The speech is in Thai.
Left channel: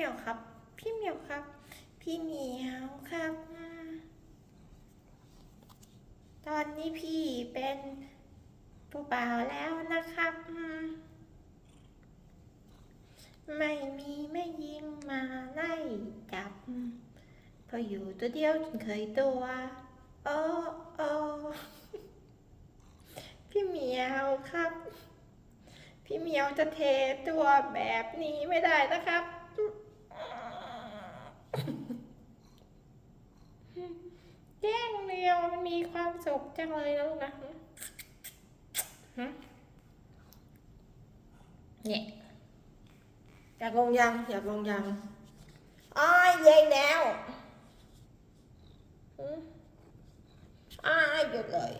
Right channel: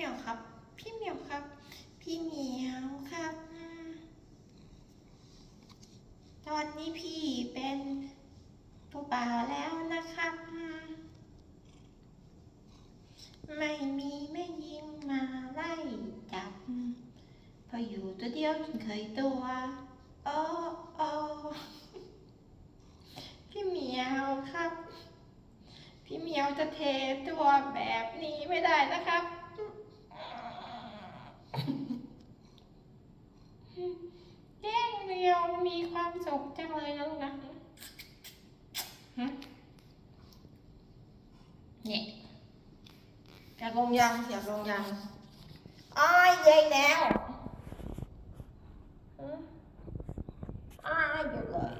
่เหมียวครับ พี่เหมียวครับ พี่เหมียวครับ ตอนนี้พี่เป็นผู้บ่าวแล้วนะครับ ไม่มีไม่ยิงมาไล่จับ พออยู่ตัวเดียวจนเคยตัวโอ้โอ้พี่เหมียวครับ พี่เหมียวจะเทตัวแบบนี้ไม่ได้นะครับ แย่งเดียวมีความสุขจังเลยลูกนะเนี่ยอยากลงยังอยากลงยังอ้ายเย็นแล้วอ้ายหยุดเลย